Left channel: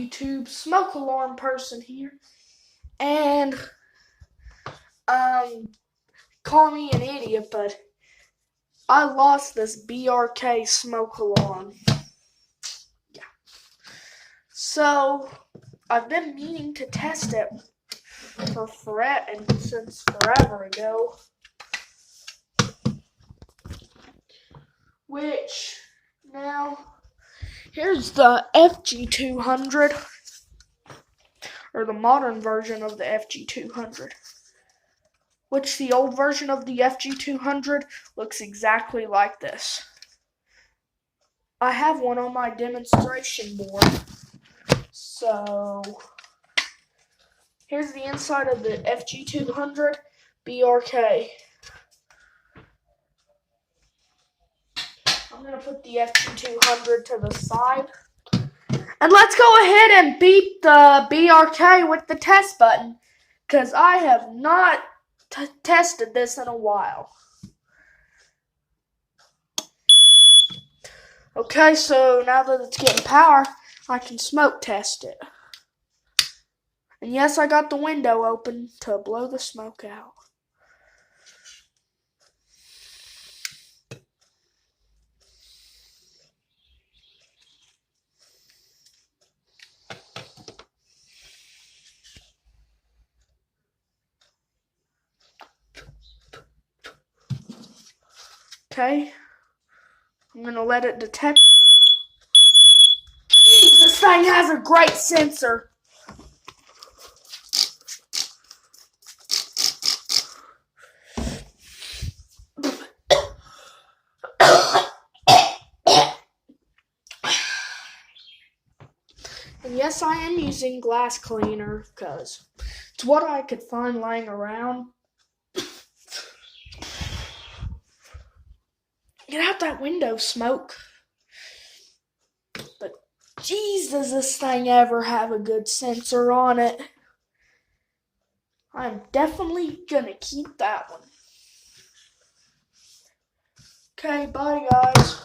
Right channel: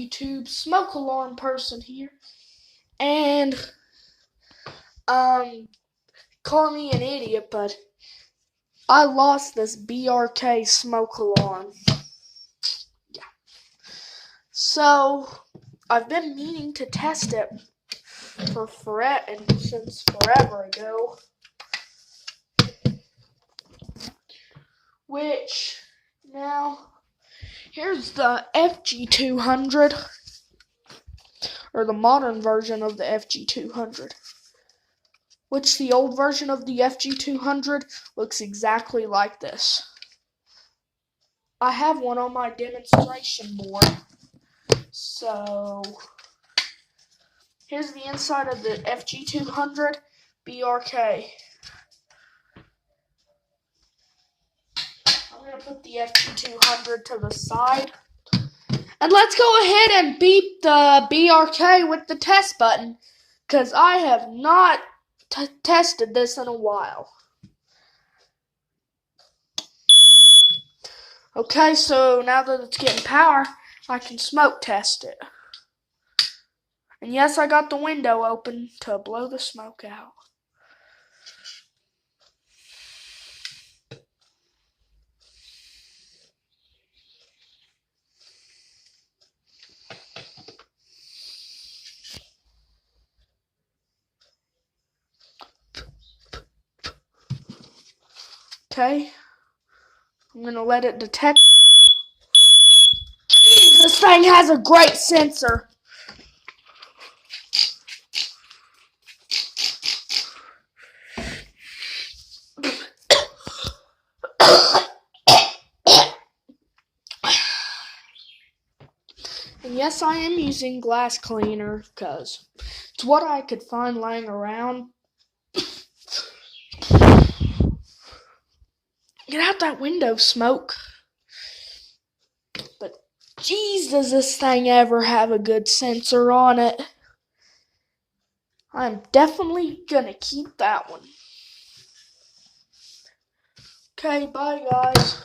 YouTube smoke alarm person here, and call me an idiot, but I lost this BRK smoke alarm. Yeah. So I've been meaning to test it since forever ago. Which now here's the FG200, or the modern version of the FG200. Which the old version of the FG200 looks exactly like this. I have one on my demonstration board. So here's the inside of the FG200 BRK. I'm going to put the FG200 to the side. And let's go ahead and beep the BRK with the test button, because I have not tested this in a while. Okay, so now that it's getting power, I can smoke test it. And yes, I got the window open to blow the smoke out. Okay, I'm going to let it detect. This thing has a great sensor. And yes, I am using glass cleaner because it's what I could find laying around. Get out that window, smoke. But jeez, does this thing ever have a good sensor on it. I'm definitely gonna keep that one. Okay, bye guys.